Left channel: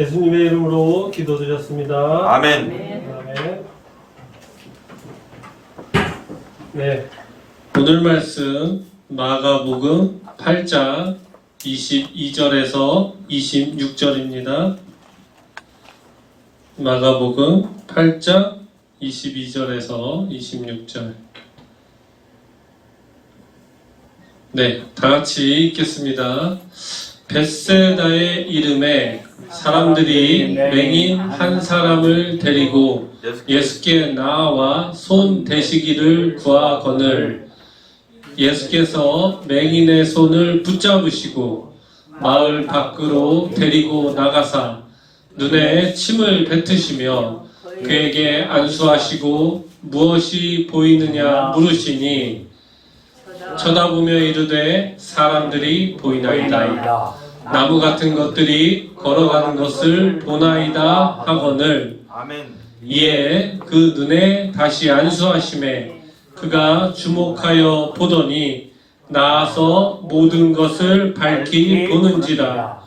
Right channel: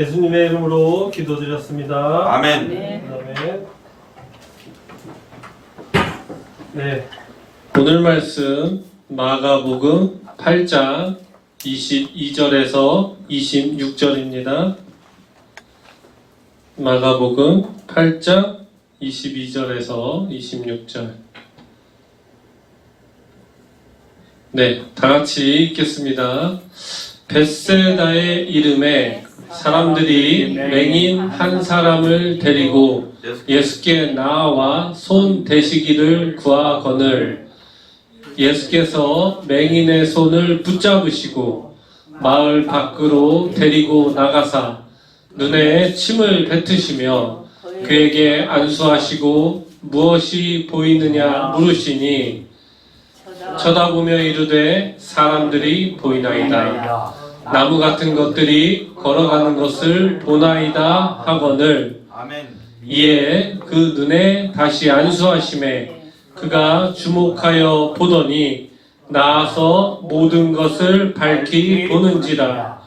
예수님의 이름으로 기도드렸습니다. 아멘. 아멘. 네. 오늘 말씀 마가복음 8장 22절에서 26절입니다. 마가복음 8장 22절에서 26절. 네, 다 같이 읽겠습니다. 벳세다의 이름에 사람들이 맹인 한 사람을 데리고 예수께 나아와 손 대시기를 구하거늘 예수께서 맹인의 손을 붙잡으시고 마을 밖으로 데리고 나가사 눈에 침을 뱉으시며 그에게 안수하시고 무엇이 보이느냐 물으시니 쳐다보며 이르되 사람들이 보이나이다. 나무 같은 것들이 걸어가는 것을 보나이다 하거늘 아멘. 이에 그 눈에 다시 안수하심에 그가 주목하여 보더니 나아서 모든 것을 밝히 보는지라.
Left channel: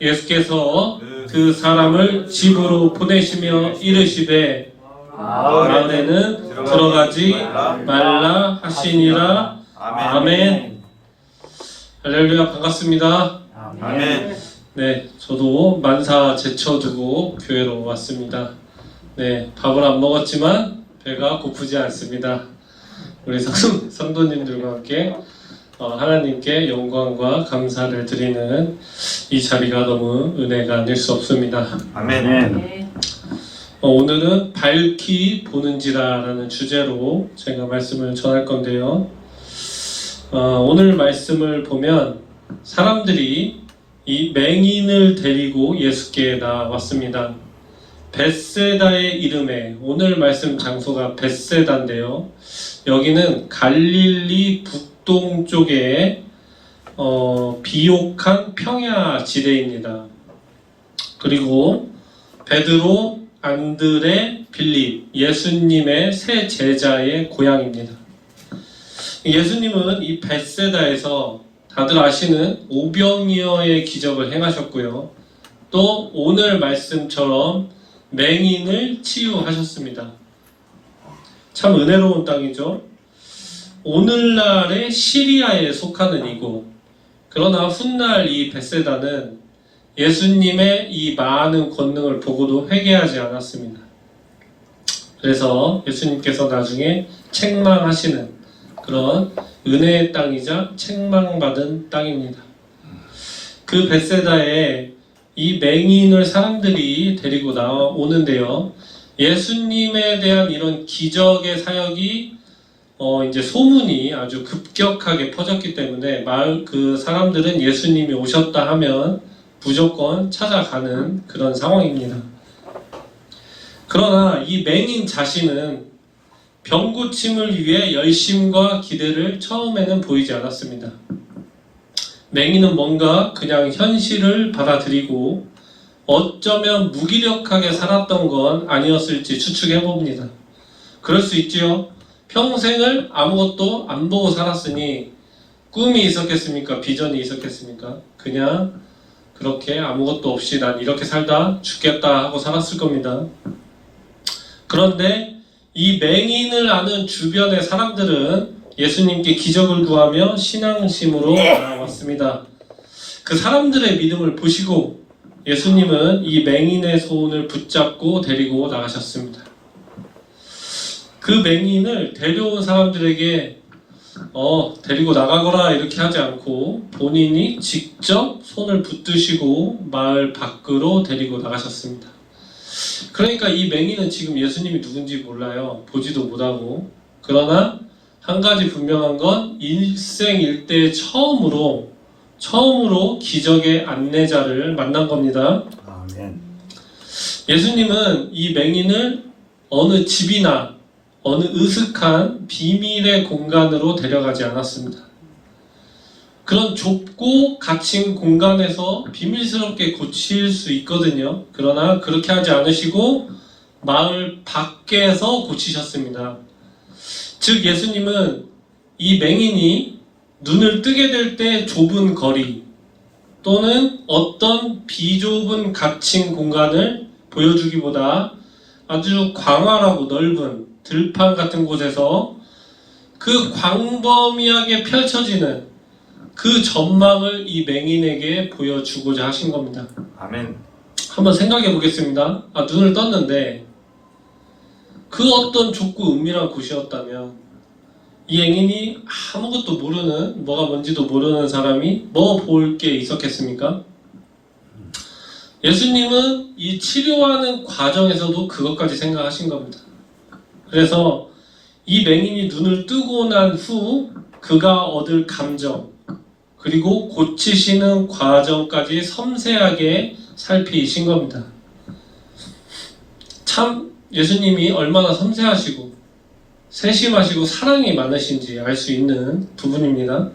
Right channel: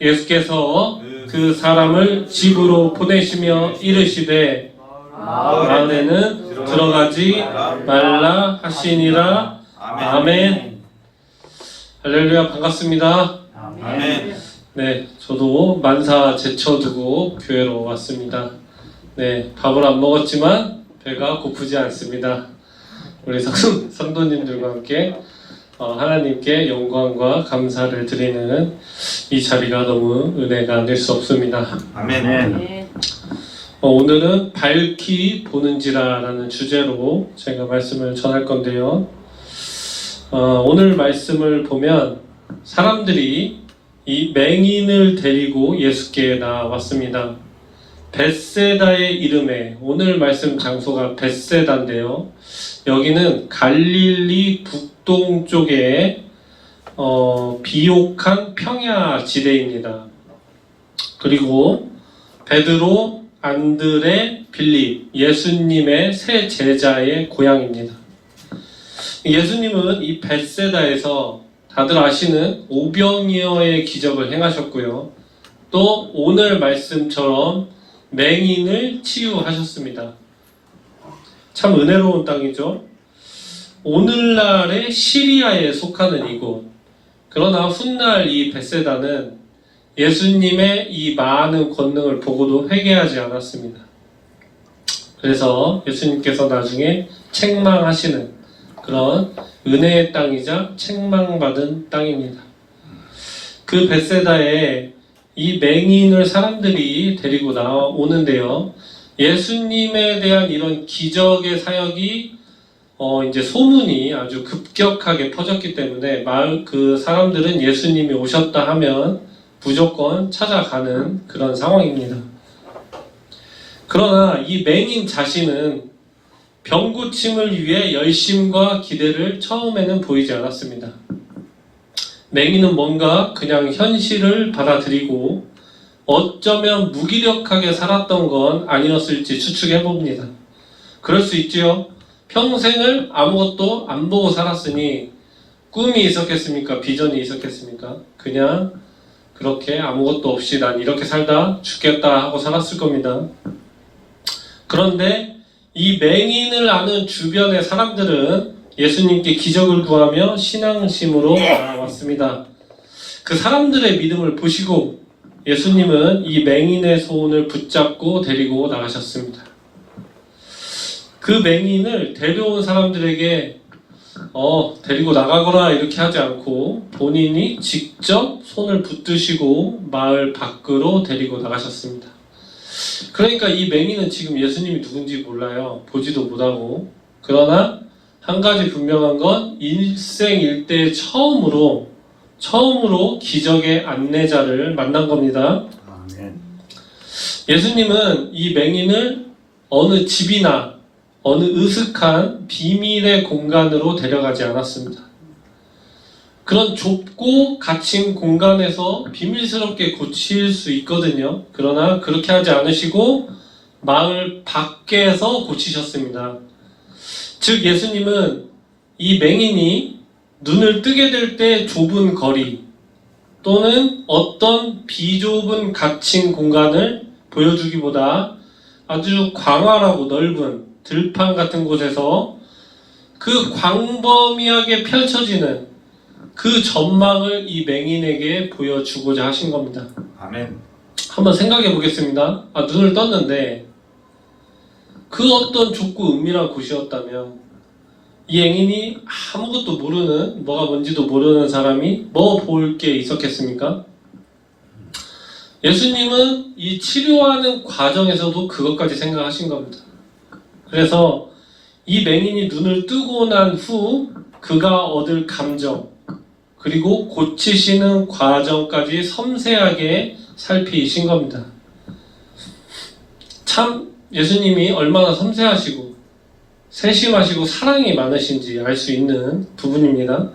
예수께서 그 사람을 집으로 보내시며 이르시되 마을에는 들어가지 말라 하시니라. 아멘. 할렐루야, 반갑습니다. 아멘. 네, 저도 만사 제쳐두고 교회로 왔습니다. 네, 밥을 안 먹었지만 배가 고프지 않습니다. 우리 성도님들과 함께 하나님께 영광과 감사를 드리는 이 자리가 너무 은혜가 될 수 없습니다. 아멘. 오늘은 밝히 보는지라라는 주제로 제가 말씀을 전할 건데요. 오늘 말씀을 보면 사람들이 이 맹인을 데리고 예수께 나왔습니다. 벳세다의 이름에, 오늘 말씀 장소가 벳세다인데요. 여기는 갈릴리 북동쪽에 비옥한 평야 지대입니다. 그리고 베드로, 안드레, 빌립, 예수님의 세 제자의 고향입니다. 예수님은 이 벳세다에서 다들 아시는 오병이어의 기적을 행하셨고요. 또 오늘 말씀처럼 맹인을 치유하셨습니다. 참 은혜로운 땅이죠. 오늘날의 시리아에 속하는 이곳. 그러나 훗날 이 벳세다는 예수님의 이 많은 권능을 보고도 회개하지 않았습니다. 그래서 예수님께서 나중에 책망하시는 그런 은혜의 땅이자 책망받은 땅입니다. 그 벳세다에 이 맹인을 사람들이 데리고 나오는데요. 예수님에 대한 이런 기적의 사역이 이제 소문이 아주 급격하게 퍼졌기 때문에 마을 그 사람들은 예수님이 오셨다 하면 무조건 찾아가는 그런 상황입니다. 그러나 이 맹인 자신은 병 고침을 위해 열심과 기대를 처음에는 보이지 않았습니다. 맹인은 뭔가 그냥 현실을 받아들이고 어쩌면 무기력하게 살았던 건 아니었을지 추측해봅니다. 그럴 수 있지요. 평생을 아무것도 안 보고 살았으니 꿈이 있었겠습니까? 비전이 있었겠습니까? 그냥 그렇게 아무것도 없이 난 이렇게 살다 죽겠다 하고 살았을 겁니다. 그런데 이 맹인을 아는 주변의 사람들은 예수님께 기적을 구하며 신앙심으로 나아왔습니다. 그 사람들의 믿음을 보시고 예수님은 이 맹인의 손을 붙잡고 데리고 나가셨습니다. 그 맹인을 데려온 사람들에게 데리고 나가거라 이렇게 하지 않고 본인이 직접 손을 붙드시고 마을 밖으로 데리고 나가셨습니다. 그러니까 이 맹인은 지금 예수님이 누군지 몰라요. 보지도 못하고. 그러나 한 가지 분명한 건 일생일대 처음으로 기적의 안내자를 만난 겁니다. 예수님은 이 맹인을 어느 집이나 어느 으슥한 비밀의 공간으로 데려가지 않았습니다. 그런 좁고 갇힌 공간에서 비밀스럽게 고칠 수 있거든요. 그러나 그렇게 하지 않으시고 마을 밖에서 고치셨습니다. 즉 예수님은 이 맹인이 눈을 뜨게 될 때 좁은 거리, 또는 어떤 비좁은 갇힌 공간을 보여주기보다 아주 광활하고 넓은 들판 같은 곳에서 그 광범위하게 펼쳐지는 그 전망을 이 맹인에게 보여주고자 하신 겁니다. 아멘. 한번 생각해 보겠습니다. 눈을 떴는데 그 어떤 좁고 은밀한 곳이었다면 이 맹인이 아무것도 모르는, 뭐가 뭔지도 모르는 사람이 뭐 볼 게 있었겠습니까? 예수님은 이 치료하는 과정에서도 그것까지 생각하신 겁니다. 그래서 이 맹인이 눈을 뜨고 난 후 그가 얻을 감정, 그리고 고치시는 과정까지 섬세하게 살피신 겁니다. 참 예수님이 얼마나 섬세하시고 세심하시고 사랑이 많으신지 알 수 있는 부분입니다.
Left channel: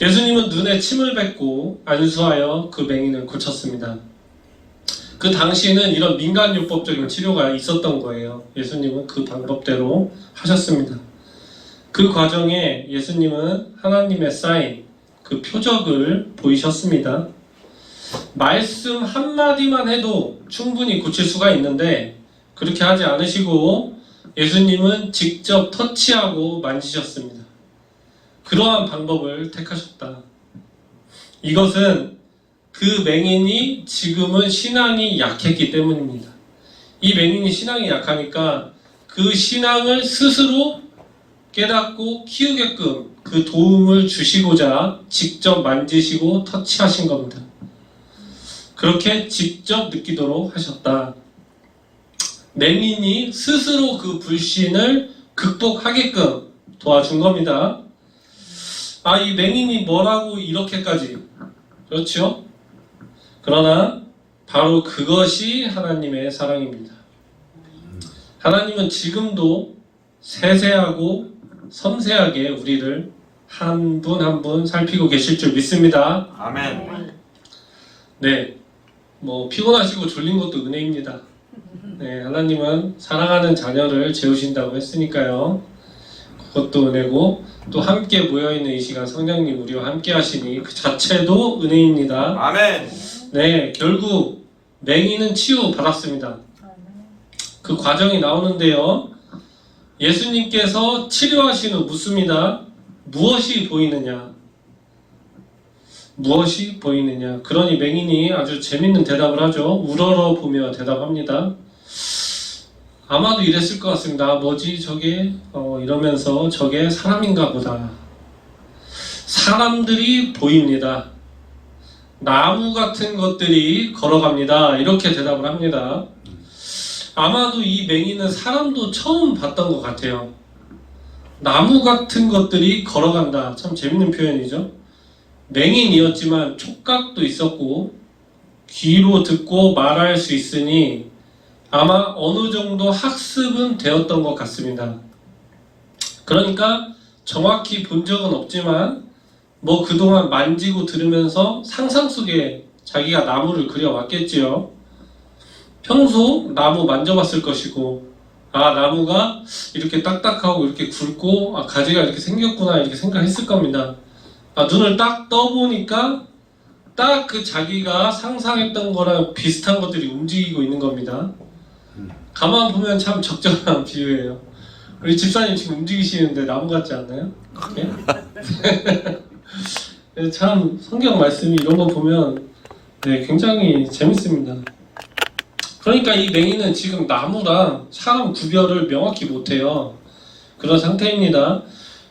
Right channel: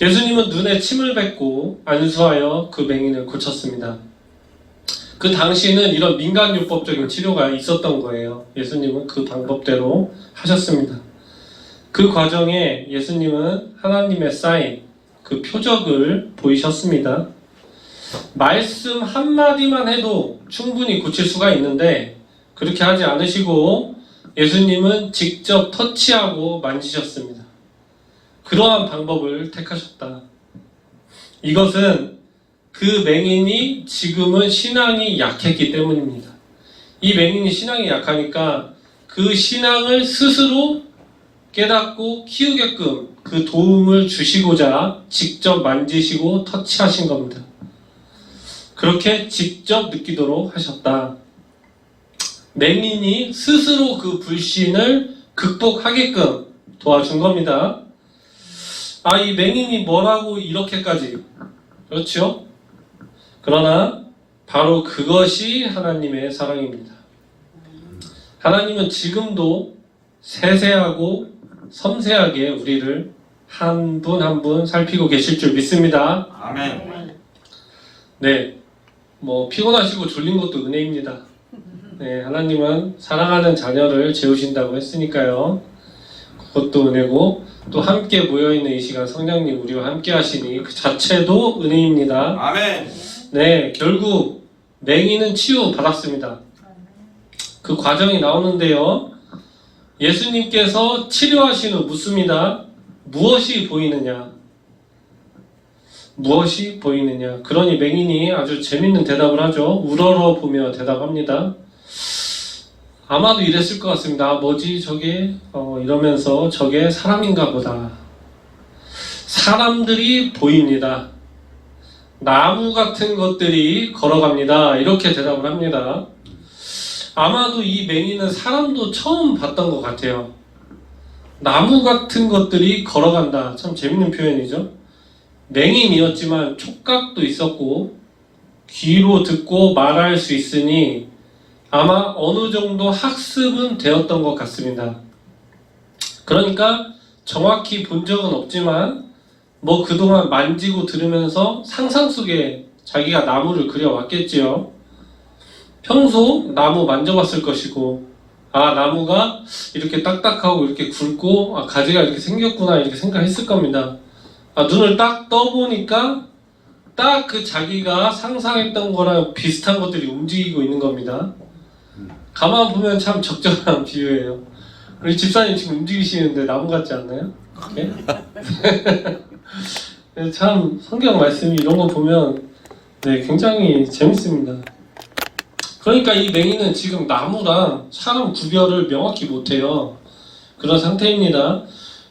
예수님은 눈에 침을 뱉고 안수하여 그 맹인을 고쳤습니다. 그 당시에는 이런 민간요법적인 치료가 있었던 거예요. 예수님은 그 방법대로 하셨습니다. 그 과정에 예수님은 하나님의 사인, 그 표적을 보이셨습니다. 말씀 한마디만 해도 충분히 고칠 수가 있는데 그렇게 하지 않으시고 예수님은 직접 터치하고 만지셨습니다. 그러한 방법을 택하셨다. 이것은 그 맹인이 지금은 신앙이 약했기 때문입니다. 이 맹인이 신앙이 약하니까 그 신앙을 스스로 깨닫고 키우게끔 그 도움을 주시고자 직접 만지시고 터치하신 겁니다. 그렇게 직접 느끼도록 하셨다. 맹인이 스스로 그 불신을 극복하게끔 도와준 겁니다. 이 맹인이 뭐라고 이렇게까지, 그렇죠? 그러나 바로 그것이 하나님의 사랑입니다. 하나님은 지금도 세세하고 섬세하게 우리를 한 분 한 분 살피고 계실 줄 믿습니다. 아멘. 네, 피곤하시고 졸린 것도 은혜입니다. 네, 하나님은 사랑하는 자녀를 재우신다고 했으니까요. 그것도 은혜고, 또 함께 모여있는 이 시간 성령님 우리와 함께 하시니 그 자체도 은혜입니다. 아멘. 네, 결국 맹인은 치유 받았습니다. 그 과정이 나오는데요. 예수님께서 치료하신 후 묻습니다. 무엇이 보이느냐? 무엇이 보이느냐? 그러니 맹인이 아주 재밌는 대답을 하죠. 우러러 보며 대답합니다. 아마도 이랬을 것 같습니다. 뭐지 저게? 이러면서 저게 사람인가 보다. 사람들이 보입니다. 나무 같은 것들이 걸어갑니다. 이렇게 대답을 합니다. 아마도 이 맹인은 사람도 처음 봤던 것 같아요. 나무 같은 것들이 걸어간다. 참 재밌는 표현이죠. 맹인이었지만 촉각도 있었고 귀로 듣고 말할 수 있으니 아마 어느 정도 학습은 되었던 것 같습니다. 그러니까 정확히 본 적은 없지만 그동안 만지고 들으면서 상상 속에 자기가 나무를 그려왔겠지요. 평소 나무 만져봤을 것이고 나무가 이렇게 딱딱하고 이렇게 굵고 가지가 이렇게 생겼구나 이렇게 생각했을 겁니다. 눈을 딱 떠보니까 딱 그 자기가 상상했던 거랑 비슷한 것들이 움직이고 있는 겁니다. 가만 보면 참 적절한 비유예요. 우리 집사님 지금 움직이시는데 나무 같지 않나요? 네, 참 성경 말씀이 이런 거 보면 굉장히 재밌습니다. 그러니까 이 맹인은 지금 나무랑 사람 구별을 명확히 못해요. 그런 상태입니다.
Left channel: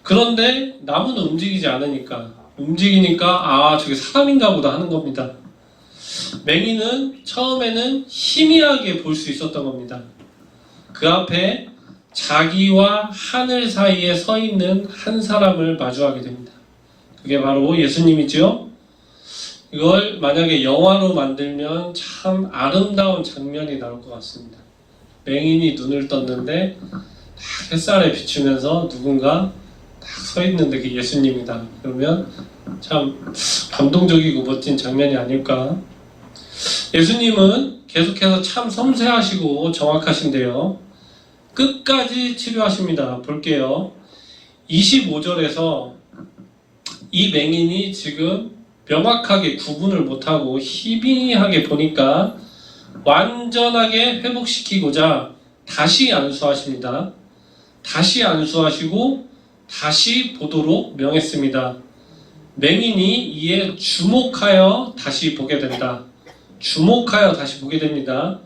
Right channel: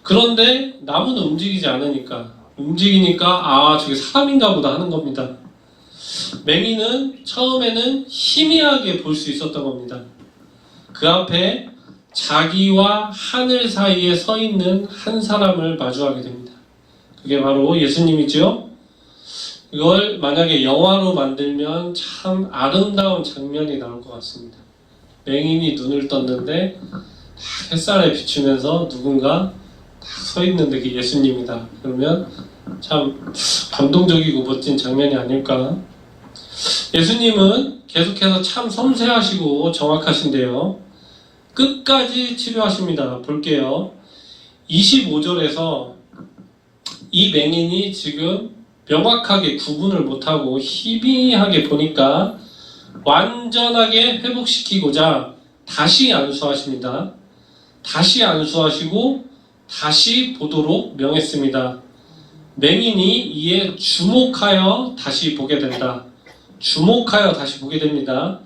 그런데 나무는 움직이니까 저게 사람인가 보다 하는 겁니다. 맹인은 처음에는 희미하게 볼 수 있었던 겁니다. 그 앞에 자기와 하늘 사이에 서 있는 한 사람을 마주하게 됩니다. 그게 바로 예수님이죠. 이걸 만약에 영화로 만들면 참 아름다운 장면이 나올 것 같습니다. 맹인이 눈을 떴는데 햇살에 비추면서 누군가 서 있는데 그게 예수님이다. 그러면 참 감동적이고 멋진 장면이 아닐까. 예수님은 계속해서 참 섬세하시고 정확하신데요. 끝까지 치료하십니다. 볼게요. 25절에서 이 맹인이 지금 명확하게 구분을 못하고 희미하게 보니까 완전하게 회복시키고자 다시 안수하십니다. 다시 안수하시고 다시 보도록 명했습니다. 맹인이 이에 주목하여 다시 보게 된다. 주목하여 다시 보게 됩니다.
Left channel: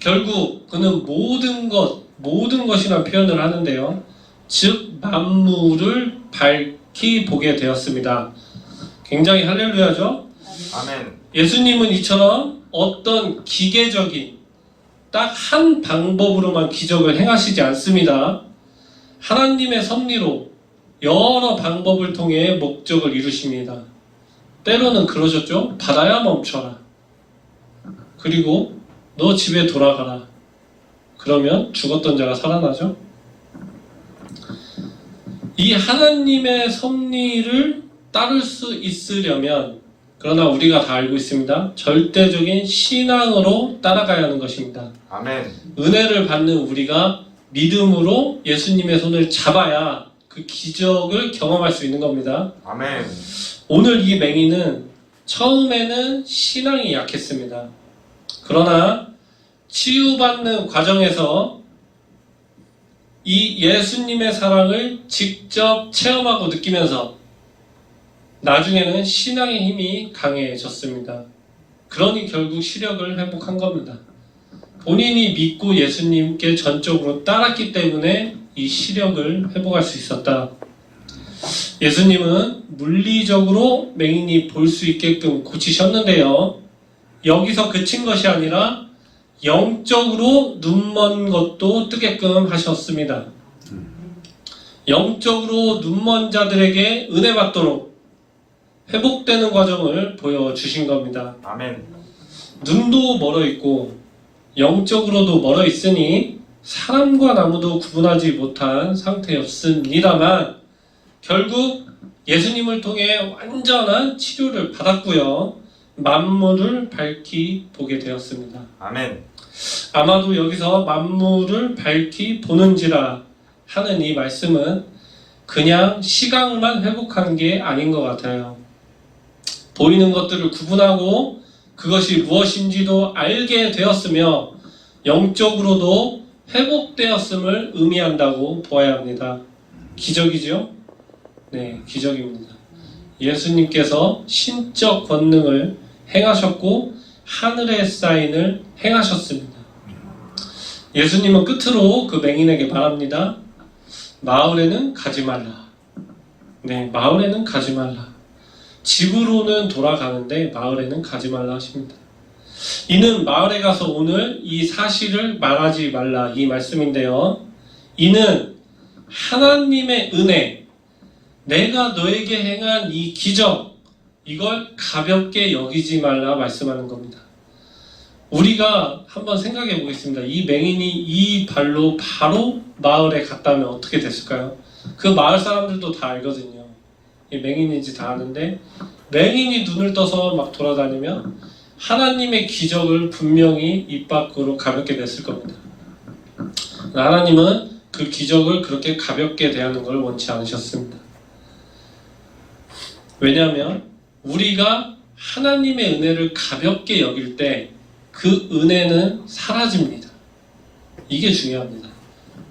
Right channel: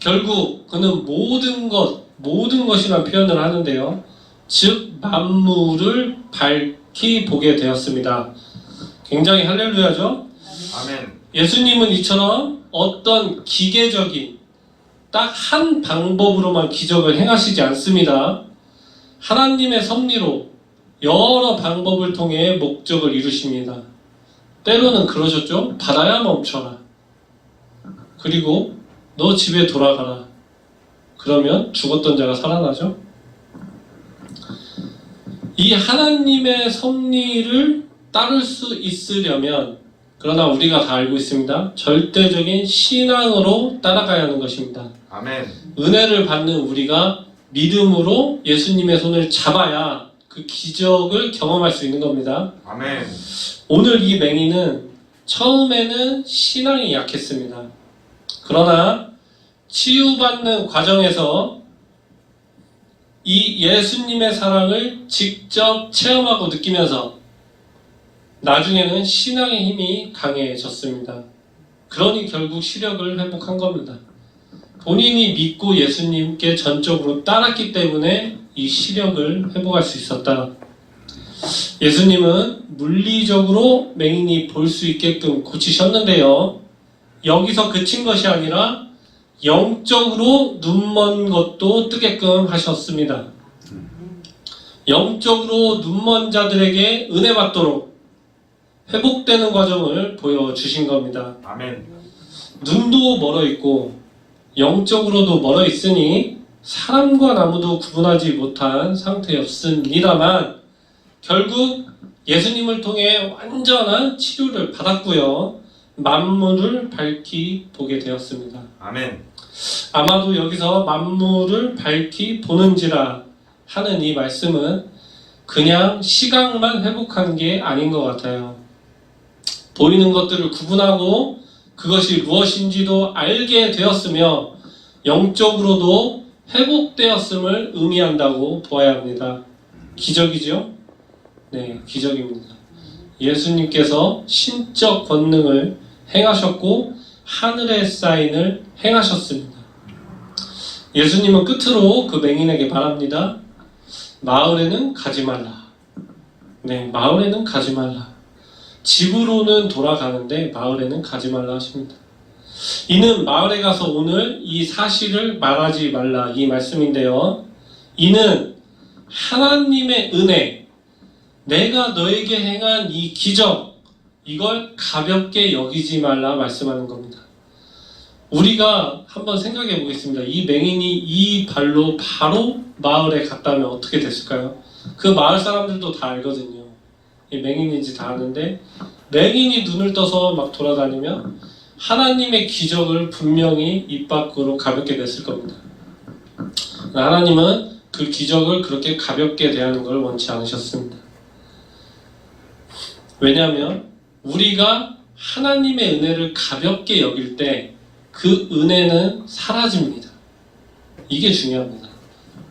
결국 그는 모든 것이란 표현을 하는데요. 즉 만물을 밝히 보게 되었습니다. 굉장히 할렐루야죠. 아멘. 예수님은 이처럼 어떤 기계적인 딱 한 방법으로만 기적을 행하시지 않습니다. 하나님의 섭리로 여러 방법을 통해 목적을 이루십니다. 때로는 그러셨죠. 바다야 멈춰라. 그리고 너 집에 돌아가라. 그러면 죽었던 자가 살아나죠. 이 하나님의 섭리를 따를 수 있으려면, 그러나 우리가 다 알고 있습니다. 절대적인 신앙으로 따라가야 하는 것입니다. 아멘. 은혜를 받는 우리가 믿음으로 예수님의 손을 잡아야 그 기적을 경험할 수 있는 겁니다. 아멘. 오늘 이 맹인은 처음에는 신앙이 약했습니다. 그러나 치유받는 과정에서 이 예수님의 사랑을 직접 체험하고 느끼면서 나중에는 신앙의 힘이 강해졌습니다. 그러니 결국 시력을 회복한 겁니다. 본인이 믿고 예수님께 전적으로 따랐기 때문에 이 시력을 회복할 수 있었다. 예수님은 물리적으로 맹인이 볼 수 있게끔 고치셨는데요. 여기서 그친 것이 아니라 영적으로 눈먼 것도 뜨게끔 하셨습니다. 영적으로 눈먼 자들에게 은혜 받도록 회복되는 과정을 보여주신 겁니다. 아멘. 눈도 멀어 있고 영적으로도 멀어 있으니 사람과 나무도 구분하지 못한 상태였습니다만 결국 예수님을 통해 완전한 치료를 받았고요. 만물을 밝히 보게 되었습니다. 아멘. 아마도 여기서 만물을 밝히 보는지라 하는 이 말씀은 그냥 시각만 회복한 게 아닌 것 같아요. 보이는 것들을 구분하고 그것이 무엇인지도 알게 되었으며 영적으로도 회복되었음을 의미한다고 보아야 합니다. 기적이죠? 네, 기적입니다. 예수님께서 신적 권능을 행하셨고 하늘의 사인을 행하셨습니다. 예수님은 끝으로 그 맹인에게 말합니다. 마을에는 가지 말라. 네, 마을에는 가지 말라. 집으로는 돌아가는데 마을에는 가지 말라 하십니다. 이는 마을에 가서 오늘 이 사실을 말하지 말라 이 말씀인데요. 이는 하나님의 은혜, 내가 너에게 행한 이 기적, 이걸 가볍게 여기지 말라 말씀하는 겁니다. 우리가 한번 생각해 보겠습니다. 이 맹인이 이 발로 바로 마을에 갔다면 어떻게 됐을까요? 그 마을 사람들도 다 알거든요. 이 맹인인지 다 아는데 맹인이 눈을 떠서 막 돌아다니면 하나님의 기적을 분명히 입 밖으로 가볍게 냈을 겁니다. 하나님은 그 기적을 그렇게 가볍게 대하는 걸 원치 않으셨습니다. 왜냐하면 우리가 하나님의 은혜를 가볍게 여길 때 그 은혜는 사라집니다. 이게 중요합니다.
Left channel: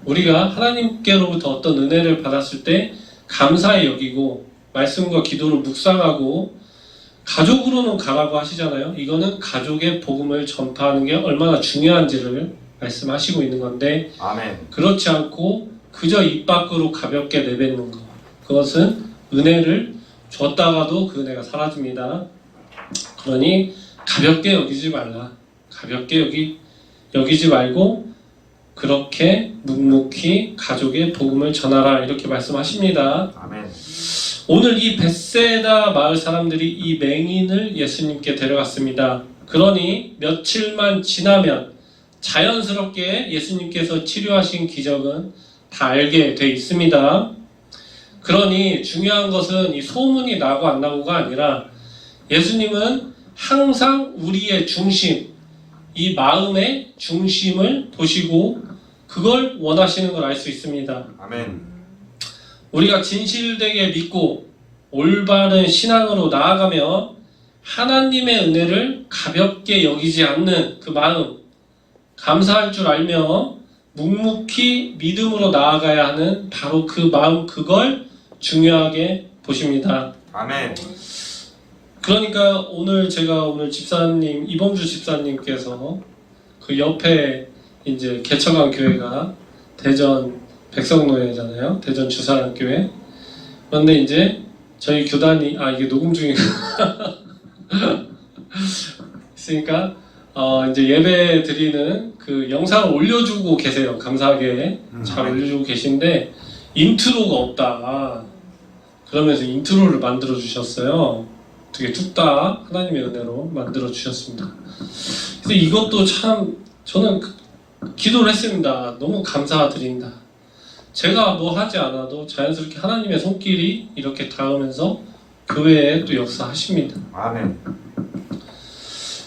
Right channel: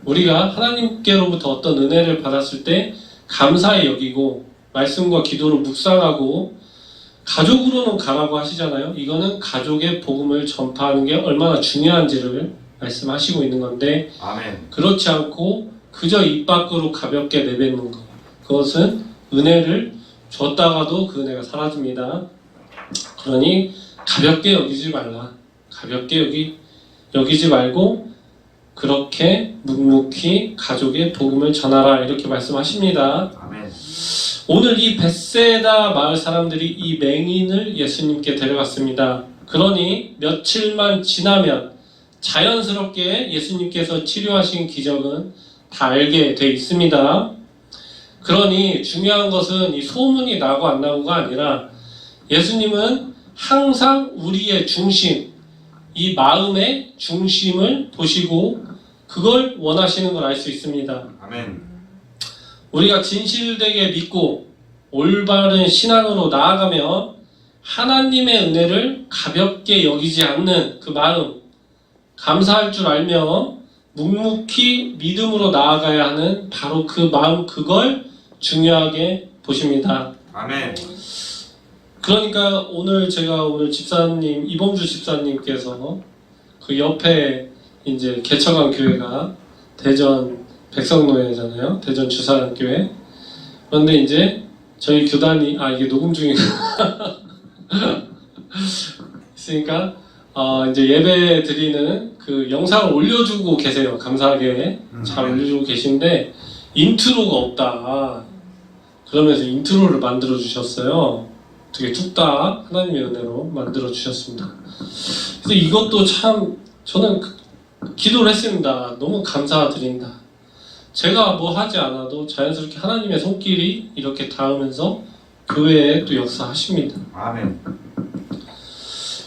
우리가 하나님께로부터 어떤 은혜를 받았을 때 감사히 여기고 말씀과 기도를 묵상하고 가족으로는 가라고 하시잖아요. 이거는 가족의 복음을 전파하는 게 얼마나 중요한지를 말씀하시고 있는 건데 아멘. 그렇지 않고 그저 입 밖으로 가볍게 내뱉는 것, 그것은 은혜를 줬다가도 그 은혜가 사라집니다. 그러니 가볍게 여기지 말라. 가볍게 여기지 말고 그렇게 묵묵히 가족의 복음을 전하라 이렇게 말씀하십니다. 아멘. 오늘 이 벳세다 마을 사람들이 이 맹인을 예수님께 데려갔습니다. 그러니 며칠만 지나면 자연스럽게 예수님께서 치료하신 기적은 다 알게 돼 있습니다. 그러니 중요한 것은 이 소문이 나고 안 나고가 아니라 예수님은 항상 우리의 중심, 이 마음의 중심을 보시고 그걸 원하시는 걸 알 수 있습니다. 아멘. 우리가 진실되게 믿고 올바른 신앙으로 나아가며 하나님의 은혜를 가볍게 여기지 않는 그 마음, 감사할 줄 알며 묵묵히 믿음으로 나아가야 하는 바로 그 마음, 그걸 중요하게 보십니다. 아멘. 그러니까 오늘 집사님, 이범주 집사님께서 그 옆에 이제 개척한 교회가 대전 백성노예잖아요. 대전 주사랑교회. 그런데 이제 저희 교단이, 이게 녹음 중이고 있으니까 이제 예배 드리는 그 영상을 올려주고 계세요. 감사하게 잘 올려주고 계신데 인트로가 없다. 그러면서 인트로를 만들어 주셨어요. 되게 뚝딱 하나님의 은혜로 만들어 주셨습니다. 근데 이것도 참 저는 기도를 했습니다. 너무 감사드립니다. 제가 뭐 하지 않아도 자연스럽게 하나님의 손길이 이렇게 닿으면서 교회에 또 역사하십니다. 아멘.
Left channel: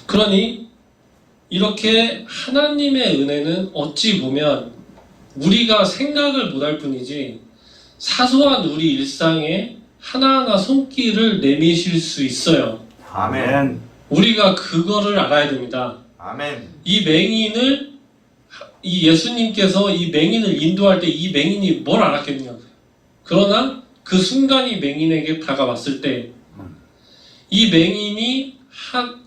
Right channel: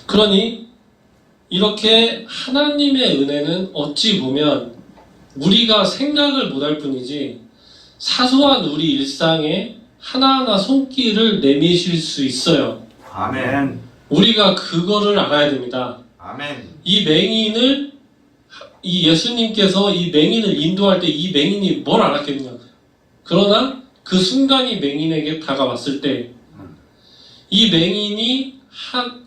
그러니 이렇게 하나님의 은혜는 어찌 보면 우리가 생각을 못할 뿐이지 사소한 우리 일상에 하나하나 손길을 내미실 수 있어요. 아멘. 우리가 그거를 알아야 됩니다. 아멘. 이 예수님께서 이 맹인을 인도할 때 이 맹인이 뭘 알았겠냐. 그러나 그 순간이 맹인에게 다가왔을 때 이 맹인이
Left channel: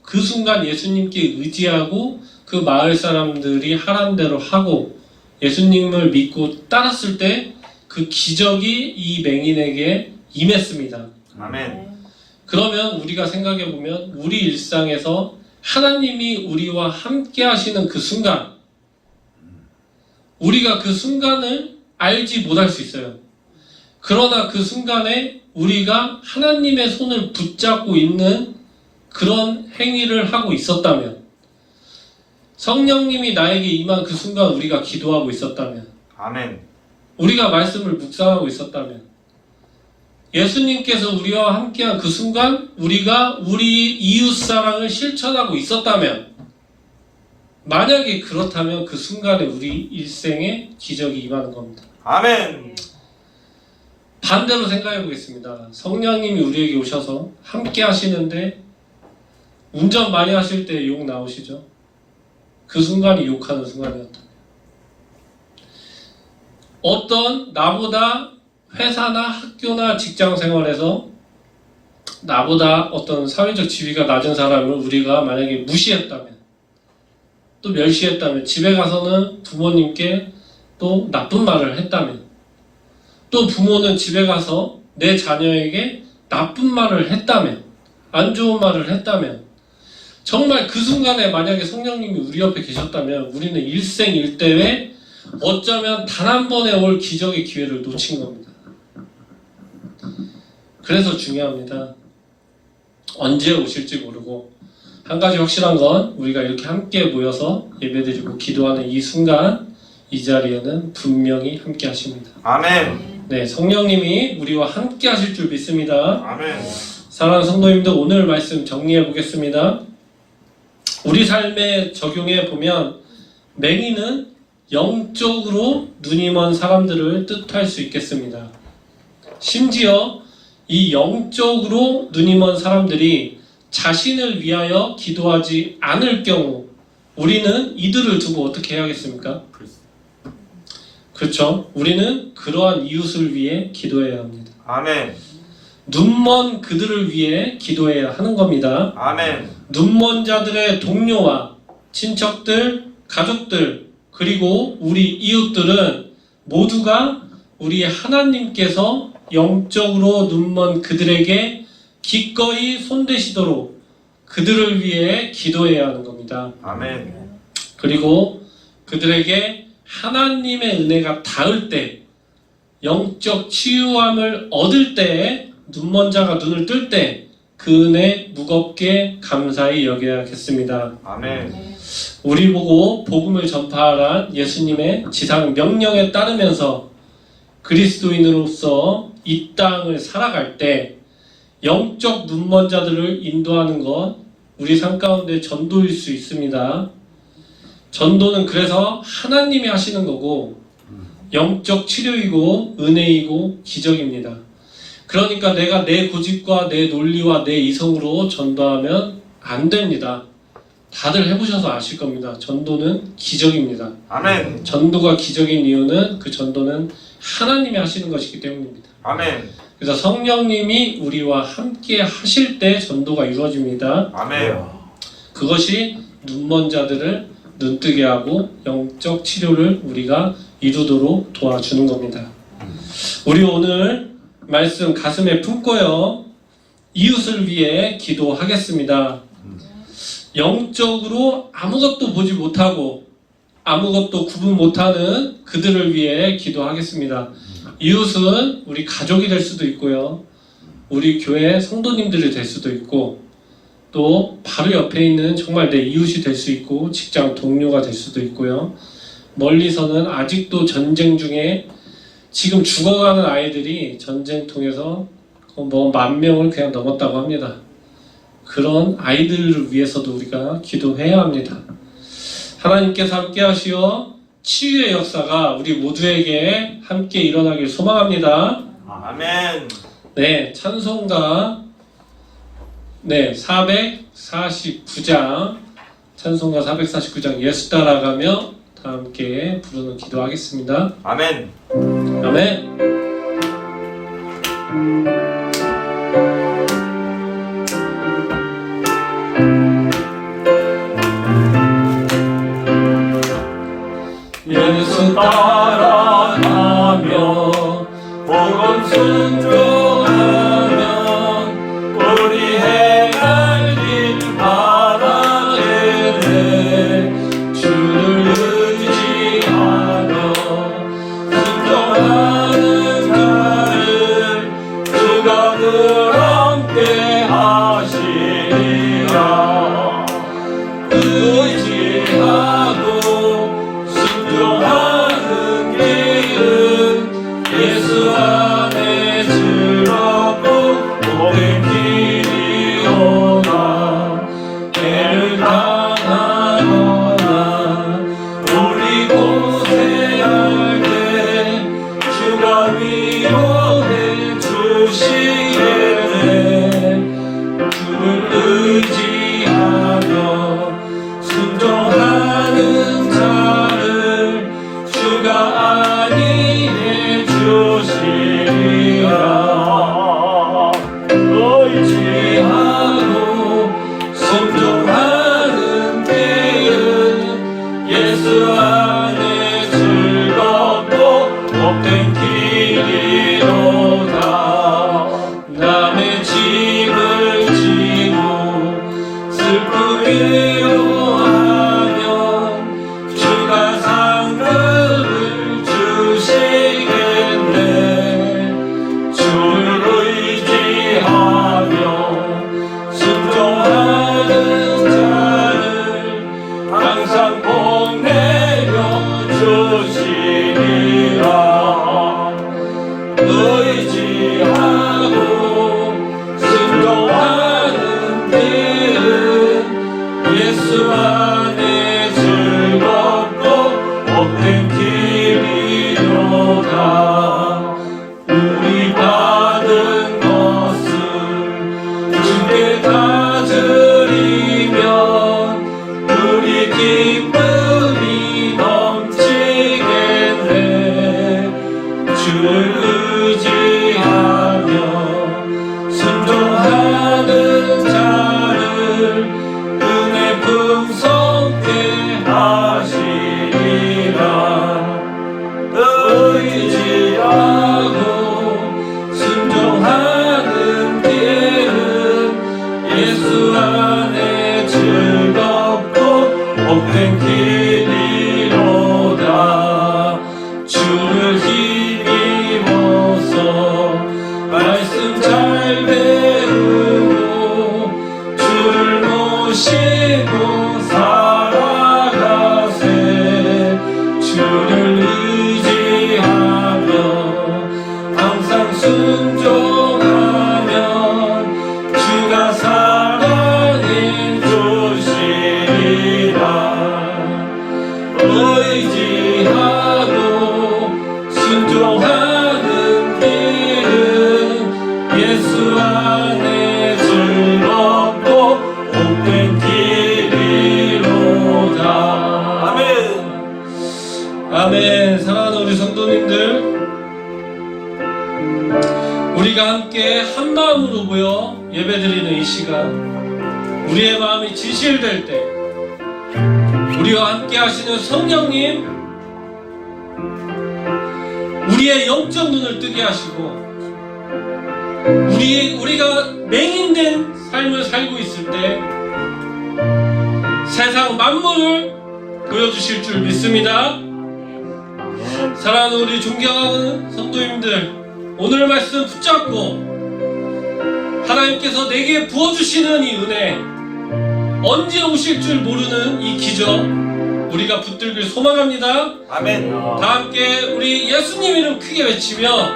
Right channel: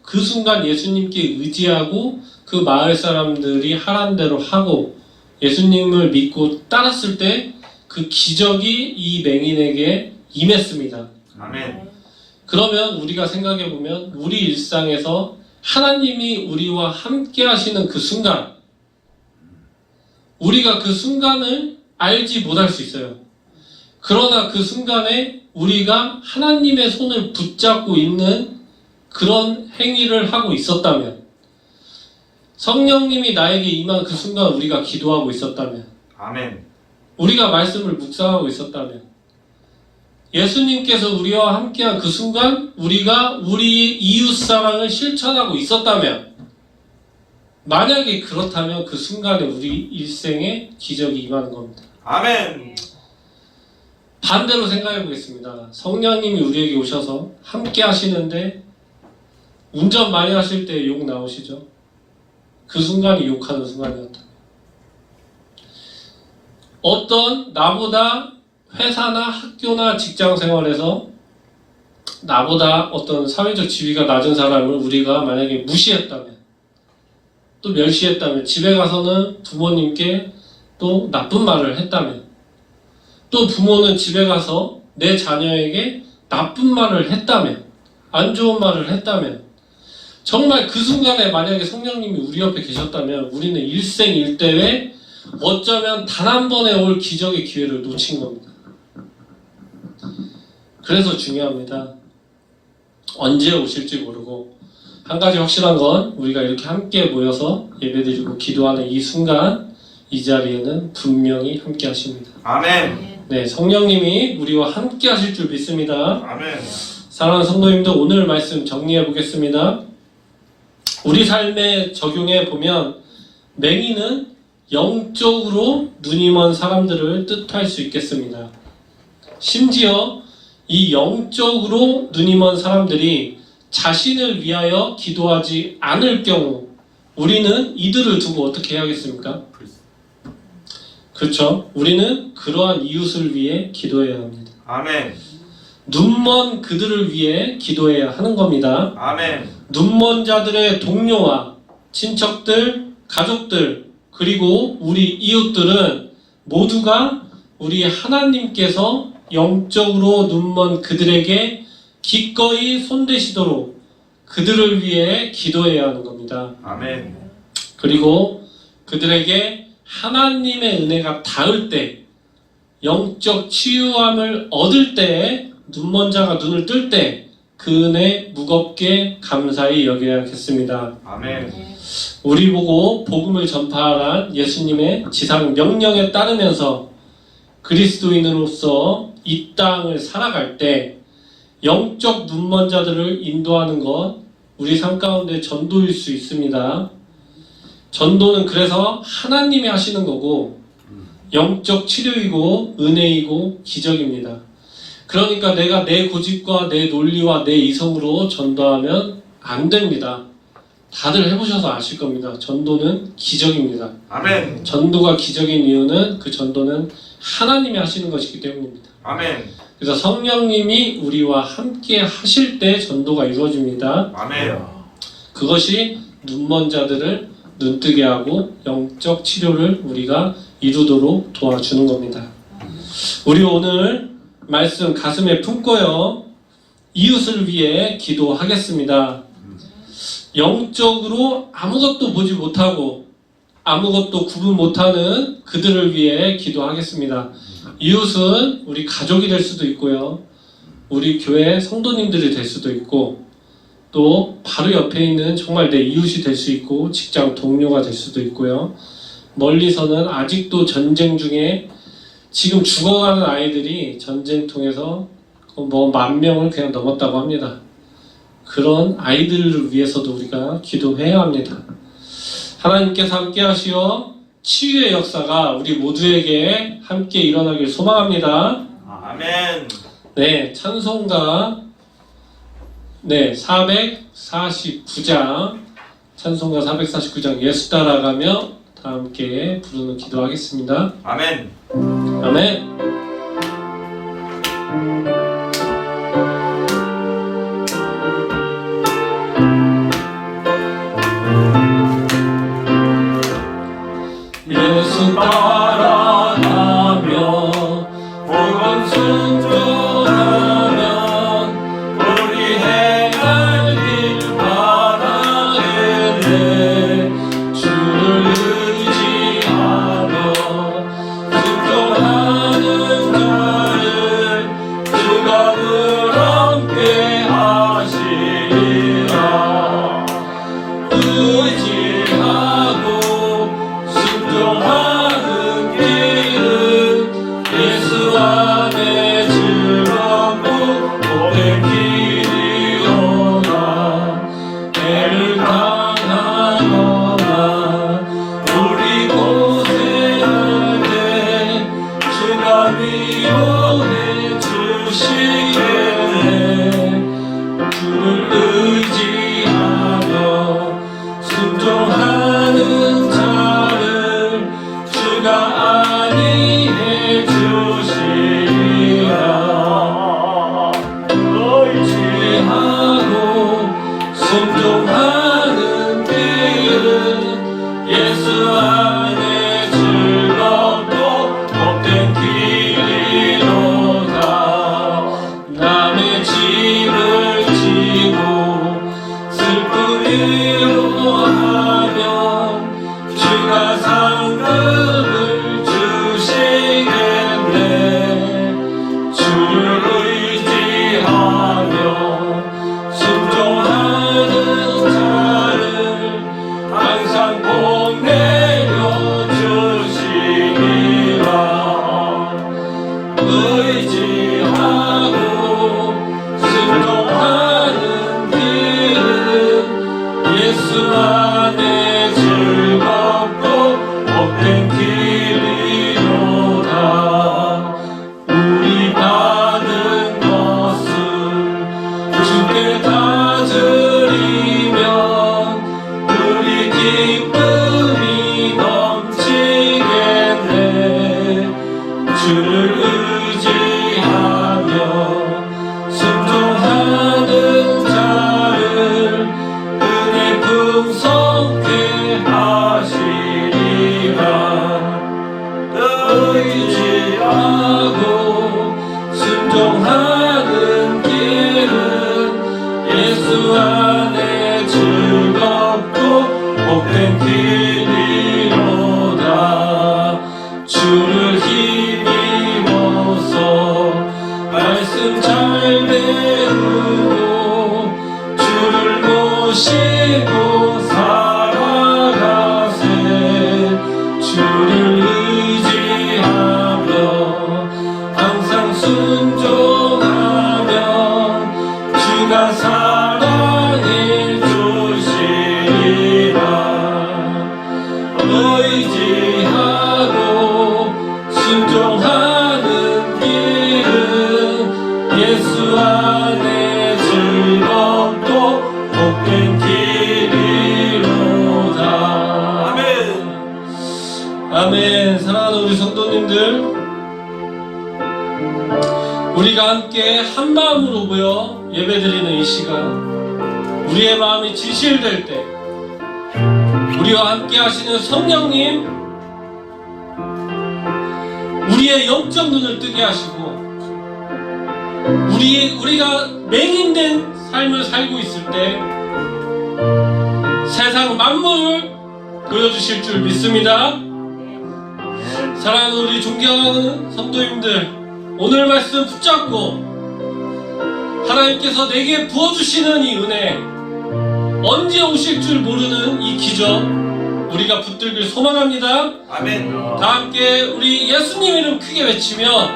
그 순간 예수님께 의지하고 그 마을 사람들이 하란 대로 하고 예수님을 믿고 따랐을 때 그 기적이 이 맹인에게 임했습니다. 아멘. 그러면 우리가 생각해보면 우리 일상에서 하나님이 우리와 함께 하시는 그 순간, 우리가 그 순간을 알지 못할 수 있어요. 그러나 그 순간에 우리가 하나님의 손을 붙잡고 있는 그런 행위를 하고 있었다면, 성령님이 나에게 임한 그 순간 우리가 기도하고 있었다면, 아멘. 우리가 말씀을 묵상하고 있었다면, 예수님께서 우리와 함께한 그 순간 우리가 우리 이웃사랑을 실천하고 있었다면, 만약에 그렇다면 그 순간에 우리 일생에 기적이 임하는 겁니다. 아멘. 반대로 생각해 보겠습니다. 성령님이 우리에게 오셔서 함께 하시는데 운전 많이 하실 때 욕 나오시죠? 그 순간이 욕하는 순간이었다. 어떤 나보다 회사나 학교나 직장 생활에서 나보다 어떤 사회적 지위가 낮은 사람을 우리가 만약에 무시했다면, 또 멸시했다면, 집에 가서는 부모님께 또 나쁜 말을 했다면, 또 부모는 집에 가서 내 자녀에게 나쁜 말을 했다면, 안 좋은 말을 했다면, 정말 그 순간에 만약에 성령님이 우리 옆에 계셨다면 우리는 일생일대에 어쩌면 단 한 번에 올 기적의 기회를 놓친 겁니다. 그래서 중요합니다. 언제 오실지 모르고, 한 가지 확실한 건 우리가 이렇게 함께 모여서 예배드리고 기도하는 이 순간, 이 자리에는 분명히 함께 하십니다. 아멘. 네, 성령님이 우리와 함께 하실 줄 믿습니다. 아멘. 사랑하는 성도님들, 오늘 말씀 정리해 보겠습니다. 우리 삶에 적용해 보면 맹인은 영적으로 눈이 먼 사람들을 뜻할 수 있겠습니다. 심지어 이 영적으로 눈이 먼 사람들이 자신을 위하여 기도하지 않을 경우 우리는 이들을 두고 어떻게 해야겠습니까? 그렇죠. 우리는 그러한 이웃을 위해 기도해야 합니다. 아멘. 눈먼 그들을 위해 기도해야 하는 겁니다. 아멘. 눈먼 자들의 동료와 친척들, 가족들, 그리고 우리 이웃들은 모두가 우리 하나님께서 영적으로 눈먼 그들에게 기꺼이 손대시도록 그들을 위해 기도해야 하는 겁니다. 아멘. 그리고 그들에게 하나님의 은혜가 닿을 때, 영적 치유함을 얻을 때, 눈먼 자가 눈을 뜰 때 그 은혜 무겁게 감사히 여겨야겠습니다. 아멘. 우리 보고 복음을 전파하란 예수님의 지상 명령에 따르면서 그리스도인으로서 이 땅을 살아갈 때 영적 눈먼 자들을 인도하는 것, 우리 삶 가운데 전도일 수 있습니다. 전도는 그래서 하나님이 하시는 거고 영적 치료이고 은혜이고 기적입니다. 그러니까 내가 내 고집과 내 논리와 내 이성으로 전도하면 안 됩니다. 다들 해보셔서 아실 겁니다. 전도는 기적입니다. 아멘. 전도가 기적인 이유는 그 전도는 하나님이 하시는 것이기 때문입니다. 아멘. 그래서 성령님이 우리와 함께 하실 때 전도가 이루어집니다. 아멘. 그것이 눈먼 자들을 눈뜨게 하고 영적 치료를 우리가 이루도록 도와주는 겁니다. 우리 오늘 말씀 가슴에 품고요. 이웃을 위해 기도하겠습니다. 영적으로 아무것도 보지 못하고 아무것도 구분 못하는 그들을 위해 기도하겠습니다. 이웃은 우리 가족이 될 수도 있고요. 우리 교회 성도님들이 될 수도 있고 또 바로 옆에 있는 정말 내 이웃이 될 수 있고 직장 동료가 될 수도 있고요. 멀리서는 아직도 전쟁 중에 지금 죽어가는 아이들이 전쟁통에서 뭐 10,000명을 그냥 넘었다고 합니다. 그런 아이들을 위해서도 우리가 기도해야 합니다. 하나님께서 함께 하시어 치유의 역사가 우리 모두에게 함께 일어나길 소망합니다. 아멘. 네, 찬송가 449장 찬송가 449장 예수 따라가며 다 함께 부르는 기도하겠습니다. 아멘. 아멘. 예수 따라가며 복음 순종하면 우리 행할 길 바라게 돼 주를 의지하며 순종하는 나를 주가 늘 함께 하시리라. 의지하고 순종하는 길은 예수 안에 우리가 함께 한 마음으로 모여 예배드리는 이 시간, 우리의 마음이 진실될 때 우리와 함께 하시는 성령님, 우리의 영적 눈을 뜨게 하시고 우리가 맹인된 삶을 살고 있을 때 세상 만물을 보여주실 줄 믿습니다. 사랑하는 우리 존경하는 성도님들, 오늘 말씀 붙잡고 하나님께서 내게 부어주시는 이 은혜, 언제 오실 줄 모르는 이 기적 우리가 붙들길 소망합니다. 아멘. 다 함께 우리 예수님 이름 크게 외치며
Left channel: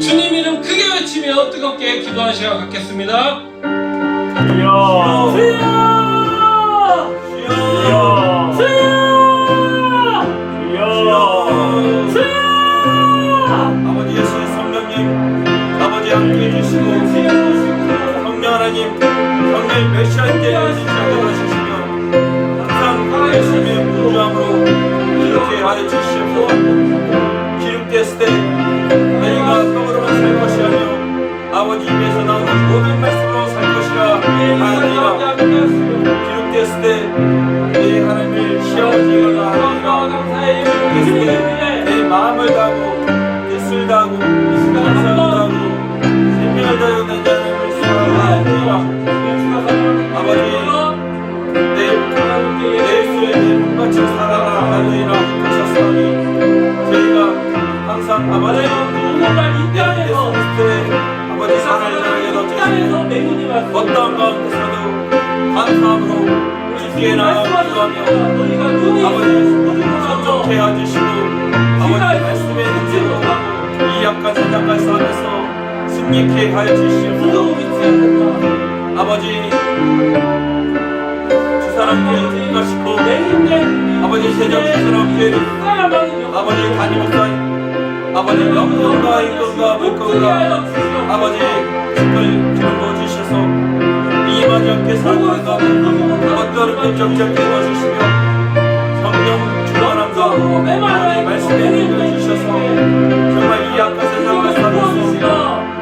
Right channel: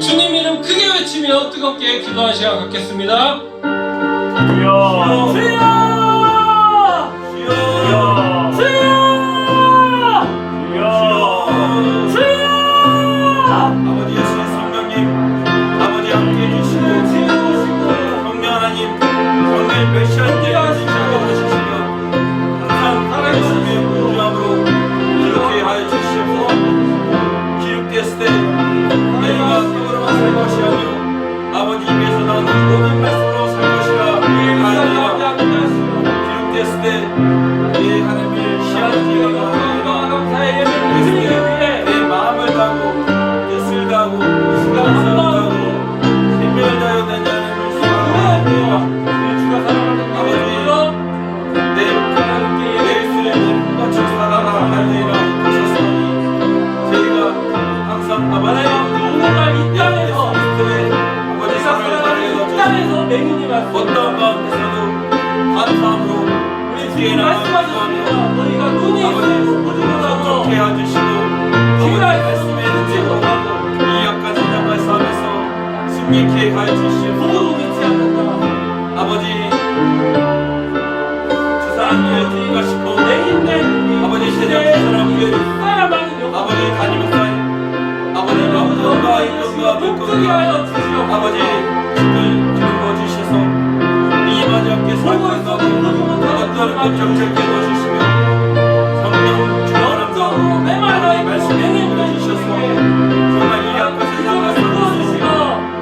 주님 이름 크게 외치며 뜨겁게 기도하는 시간 갖겠습니다. 주여! 주여! 아버지 예수 성령님, 아버지 함께 해주시고 성령 하나님, 성령 몇 시간째 시작해주시고 항상 하나님의 공주함으로 이렇게 하여 주시옵소서. 기록됐을 때 너희가 떠오르며 살 것이라며 아버지 입에서 나오는 모든 말씀으로 살 것이라 하였느니라. 기록됐을 때 내 하나님을 시험하기가 하리라. 기록됐을 때 내 마음을 다하고 뜻을 다하고 감사를 다하고 생명을 다하여 내 하나님을 사랑하리라. 아버지 내 입술에 내 꽃같이 살아라 할렐루야 하셨사오니 저희가 항상 아버지 오늘날 이 땅에서 아버지 사랑을 이 땅에서 맹인이 어떤 가운데서도 감사함으로 우리 주님 말씀하셨습니다. 너희가 눈이 있고 보지 못하고 그렇게 해주시고 아버지 말씀에 듣지 못하고 이 약한 세상을 싸움에서 승리케 하여 주시옵소서. 누구도 믿지 않는다. 아버지 주 사람께 가시고 맹인된 아버지 세상 주 사람께 사야만은 아버지 다니면서 아버지 영광과 인권과 눈뜨게 하여 물건과 주시옵소서. 아버지 힘을 기울여 주셔서 이 마지막에 보고 있어도 보지 못하는 어떤 쫄쫄게 해주시며 성령 주관함과 영적으로 메말라 있고 말씀에 맹인된 주셔서 주님께 정말 이 약한 세상을 기적을 살아서 부어주시며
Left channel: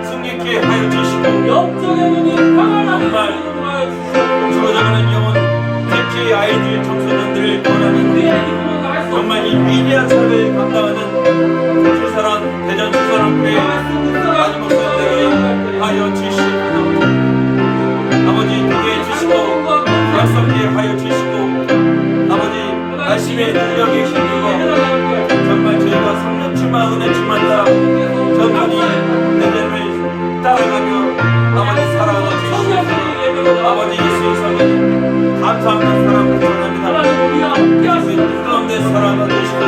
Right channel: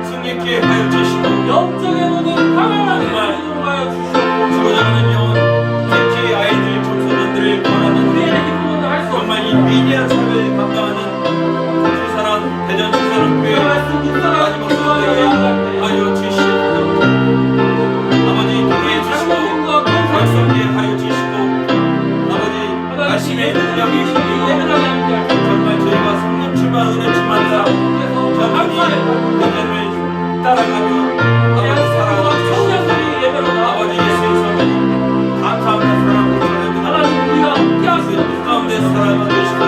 승리케 하여 주시고 영적의 눈이 환하게 열리도록 하여 주시옵소서. 죽어가는 영혼 특히 아이들 청소년들을 권하는 우리의 기쁨은 알 수 정말 이 없습니다. 위대한 삶을 감당하는 주사랑 대전 주사랑 교회 그 말씀 묵살하고 기도하는 하여 주시옵소서. 아버지 교회 주시고 장로님과 권사님 약성계 하여 주시고 아버지 하나님 말씀의 능력이 예배를 주시고 하나님께 정말 저희가 성령 충만 은혜 충만다 께서 감사합니다. 믿음을 따라가며 아버지 살아가고 청년들이 예배로 나와 아버지 예수의 성령 감사합니다. 사랑합니다. 하나님 우리와 함께 하시옵소서. 그 가운데 살아가 계시고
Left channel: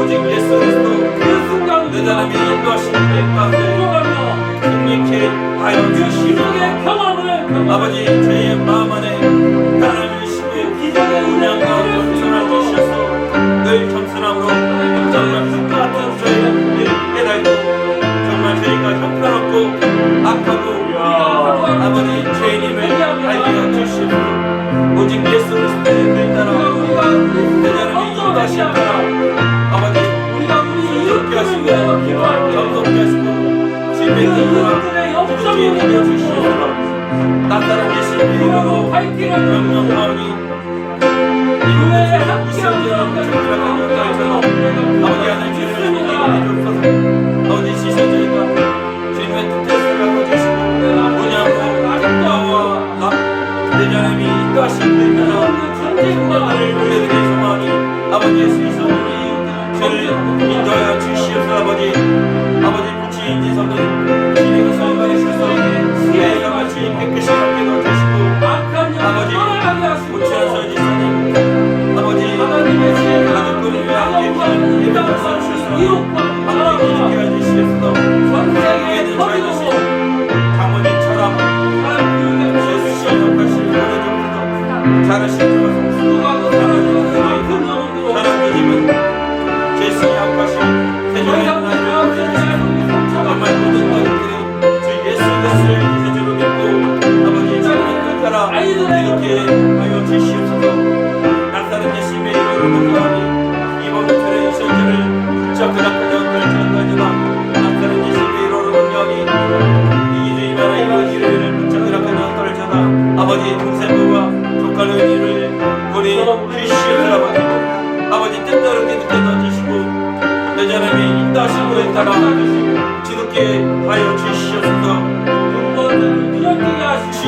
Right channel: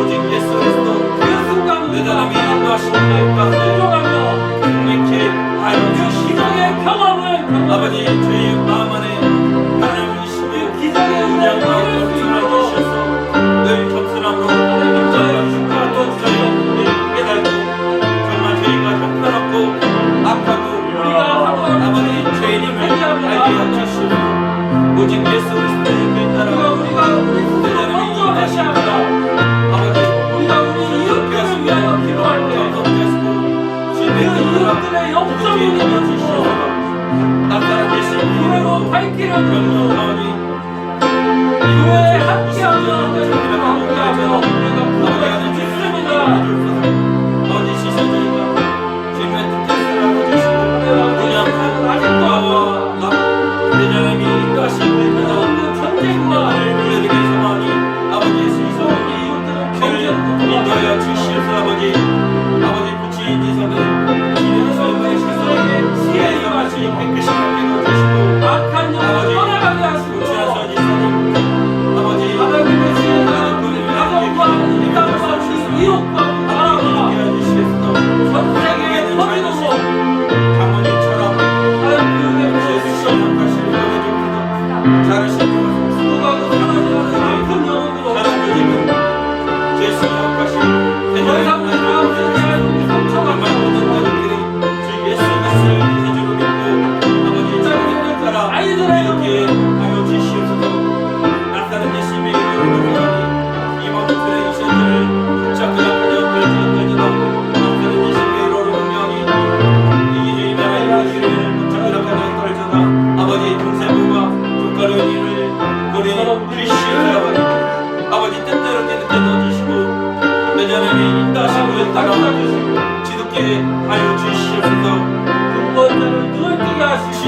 오직 예수 그리스도 그 순간 내 우리가 자남이 인도하시는 가운데 순종하며 승리케 하여 그 주시고 기적의 경험을 경험하며 아버지 저희의 마음 안에 하나님 그 주시고 기적의 은혜를 은혜와 이룰 수 겸손을 있도록 주셔서 늘 겸손함으로 하나님 정말 저의 힘과 또 저희가 분을 깨달고 정말 저희가 형편없고 악하고 우리가 하루하루 아버지 죄인임을 알게 해주시고 오직 예수 그리스도의 길 따라 우리가 우리 스스로 먼저 회개하며 아버지 우리가 우리 이웃들을 위하여 기도할 때 정성하시고 그 이웃들의 영적 눈이 열리고 나타난 예수의 교회로 발길을 열고 명령하오니 교회에 함께하며 하나님과 함께하며 우리가 부활을 믿습니다. 아버지 시선 저희가 주님의 뜻을 하고 주시고 우리 세상은 아직도 나와 내 자남이 인도하시고 없는 전쟁과 우리들의 소망이 아버지 예수의 우리 이웃들은 전쟁으로 인도하여 주시옵소서. 아버지 부치인지 성령 주님의 삶의 세상에 지혜가 마치 깨끗이 함께 주시고 악한 영을 떠나가게 하시고 부치한 성지사님 아버지 하나님의 지혜가 우리 가정과 이 땅과 이 이웃과 나라와 전 세계에 퍼지도록 장모님처럼 하나님 교육에 부어주시고 잘하시고 수고하고 사랑하는 악한 영으로 하나님은 제수의 약하신 더 이상 우리 가운데 대한 상처가 정말 모든 것들이 주 예수 그리스도를 대주로 믿고 아버지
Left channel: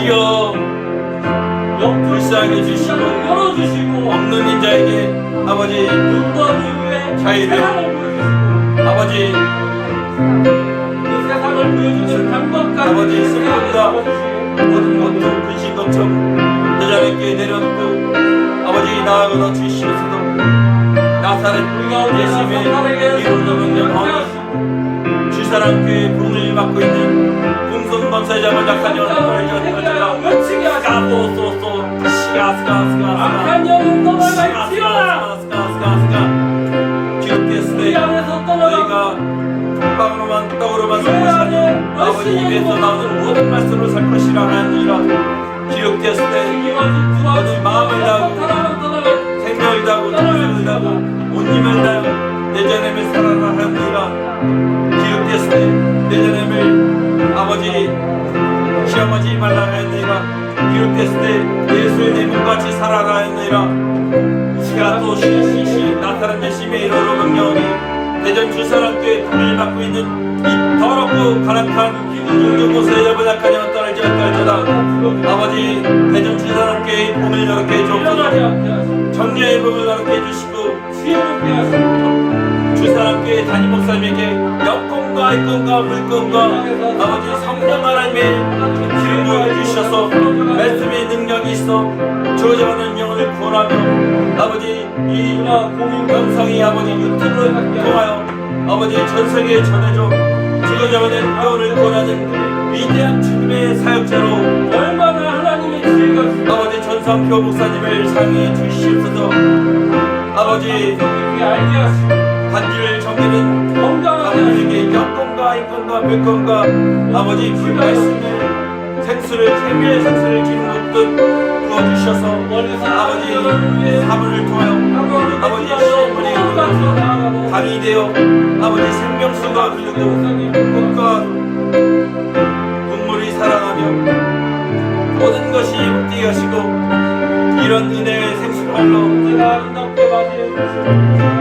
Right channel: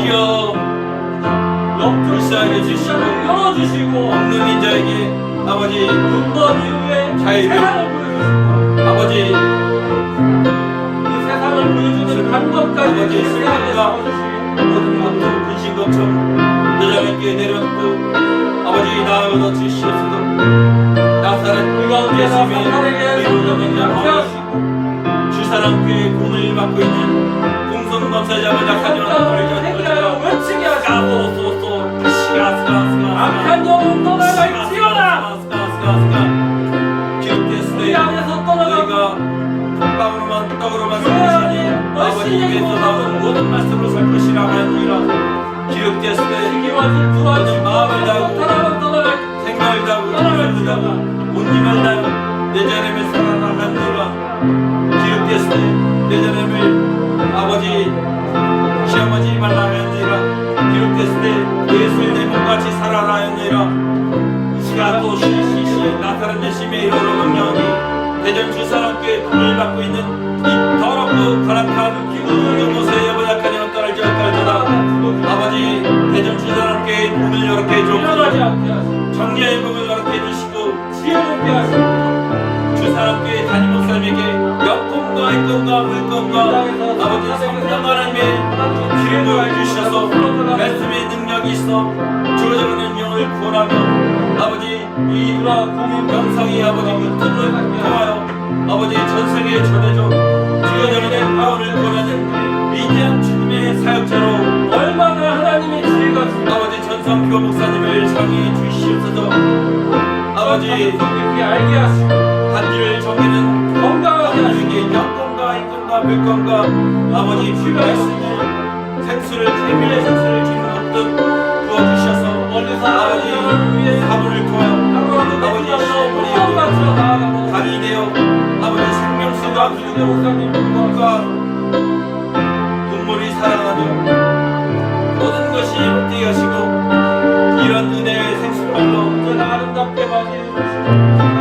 주여 영적인 시장을 열어주시고 없는 인자에게 아버지 눈먼 이후에 자유를 세상을 보여주시고 아버지 그 세상을 보여주는 방법까지 아버지 세상에 생각과 보여주시고 모든 고통 근심 걱정 내 자녀께 내려놓고 아버지 나아가 주시옵소서. 나사렛 우리가 언제나 사탄에게 손잡이지 않게 하시고 주 사람께 부문을 맡고 있는 공성 범사자를 성장을 회개하여 외치게 하시고 소소소 시가스가스가 악한 영은 떠나가 있지어라 우리 안에서 떠나가 빵으로만 떡으로만 교회 안에 얼씬하지 못하고 모든 말씀으로 살 것이라 하였느니라. 기록되었을 때 시기와 질투와 마음을 다하고 사랑은 떠나가 생각을 다하고 떠나갈 정성을 다하고 온 힘을 다하여 내 자녀를 사랑하라 하였느니라. 기록되었을 때 내 자녀를 아버지 시험하지 말라 하였느니라. 기록됐을 때 예수를 내 몸같이 살아라 하였느니라. 시가도 시시시 나타난 예심의 이러로 명령하니 대전 주 사람께 불을 받고 있는 이 더럽고 가락한 기도를 여보 약하냐 떨지다. 아버지 대전 주 사람께 문을 열게 일어나지 해주옵소서. 않게 하시고 정죄의 문을 열게 해주시고 지혜를 있게 하시고 주 사람께 담임 목사님에게 역금과 입금과 물금과 아버지 성령 하나님의 지혜를 주셔서 말씀의 능력이 있어 주어져가는 영을 구원하며 아버지 이 공인 감성이 아버지 유튜브를 통하여 아버지 전 세계에 전해줘 주어져가는 영을 구원하는 위대한 주님의 사역자로 얼마나 하나님의 지혜가 아버지 전상표 목사님을 상의해 주시옵소서. 아버지 깊게 알게 하시고 반지를 정리는 건강하게 하시고 아버지에게 역금과 입금과 물금과 아버지 말씀에 생수를 태미의 생수를 주는 것도 부어주셔서 멀리서 아버지 하나님을 위해 사물을 통하여 아버지 아버지 소원 시험을 바쳐 나아가고 강이 되어 아버지 생명수가 그리고 목사님 꿈과 눈물이 살아가며 모든 것이 뛰게 하시고 이런 은혜의 생수를 흘러 언제나 아름답게 맞이해 주시고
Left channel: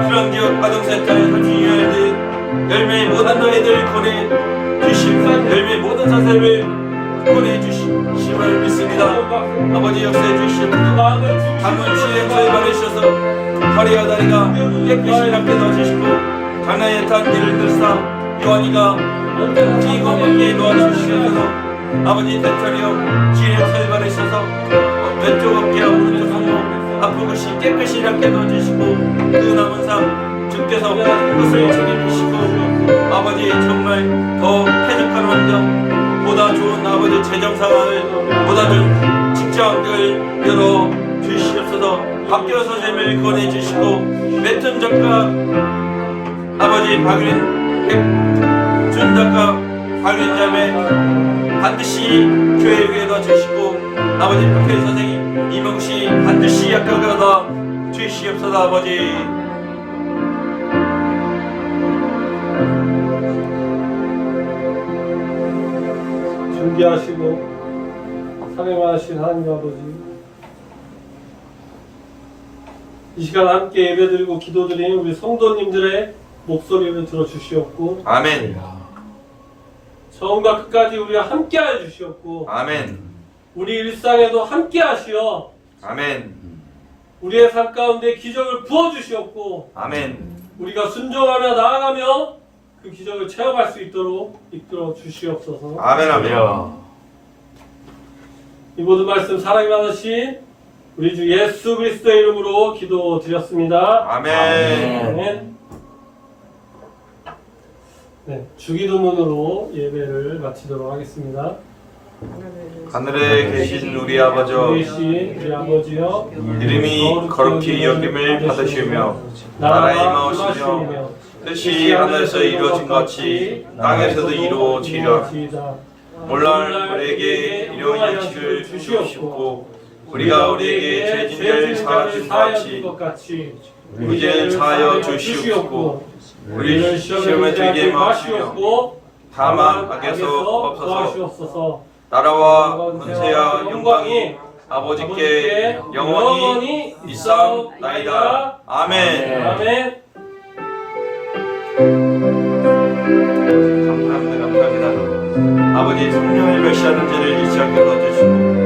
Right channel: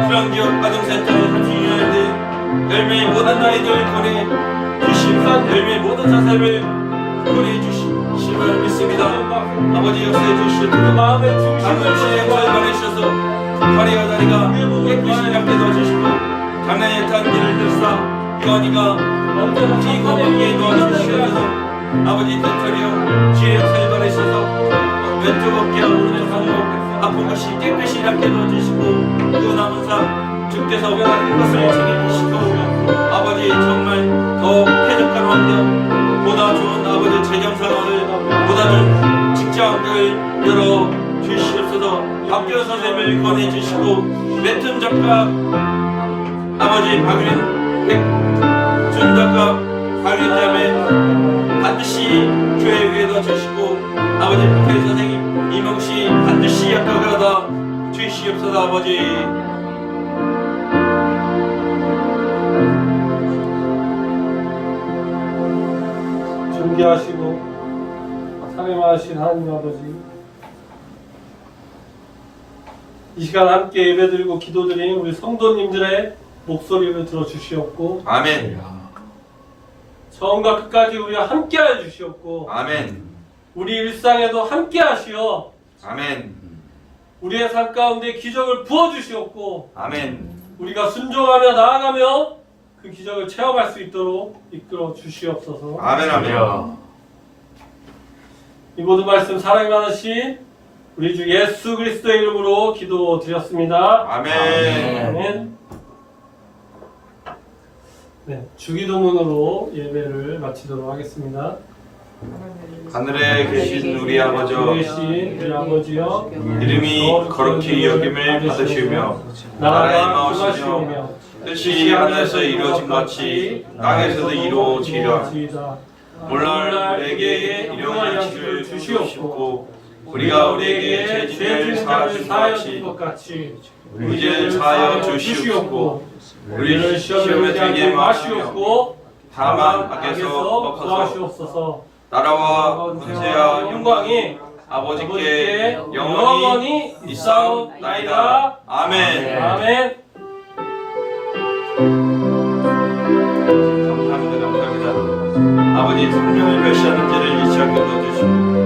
그런 기업 아동센터의 32년대 열매의 모든 아이들 보내 주시고 열매의 모든 사람을 보내 주심을 믿습니다. 아버지 역사해 주시고 마음의 당을 중심을 시행을 받으셔서 허리와 다리가 깨끗이 낫게 넣어주시고 장래의 단계를 들사 요한이가 언제나 기도하게 도와주시면서 아버지 대처리요 지혜를 받으셔서 왼쪽 어깨와 오른쪽 손으로 아픈 것이 깨끗이 낫게 넣어주시고 그 남은 삶 주께서 원하는 것을 챙겨주시고 아버지 정말 더 쾌적한 환경 보다 좋은 아버지 재정 상황을 보다 좋은 직장 환경을 열어 주시옵소서. 박기호 선생님을 권해주시고 웹툰 작가 아버지 박윤 준 작가 박윤자매 반드시 교회를 넣어 주시고 아버지 박혜리 선생님 이명씨 반드시 약속을 얻어 주시옵소서. 아버지 준비하시고 사랑하신 하나님 아버지 이 시간 함께 예배드리고 기도드리는 우리 성도님들의 목소리를 들어주시옵고 아멘 처음과 끝까지 우리와 함께하여 주시옵고 아멘 우리 일상에도 함께하시어 아멘 우리의 삶 가운데 기적을 부어주시옵고 아멘 우리가 순종하며 나아가며 그 기적을 체험할 수 있도록 이끌어 주시옵소서. 아멘 아멘 이 모든 말씀 사랑이 많으신 우리 주 예수 그리스도의 이름으로 기도드렸습니다. 아멘 아멘. 네, 주기도문으로 예배를 마치도록 하겠습니다. 하늘에 계신 우리 아버지여 계신 우리 아버지여 이름이 거룩히 여김을 받으시오며 나라가 임하시오며 뜻이 하늘에서 이루어진 것 같이 땅에서도 이루어지리라. 오늘날 우리에게 일용할 양식을 주시옵고 우리가 우리에게 죄 지은 자를 사하여 준 것 같이 우리 죄를 사하여 주시옵고 우리를 시험에 들게 마시옵고 다만 악에서 구하시옵소서. 나라와 권세와 영광이 아버지께 영원히 있사옵나이다. 아멘. 아멘. 감사합니다. 아버지 성령을 멸시하는 죄를 잊지 않게 넣어주시고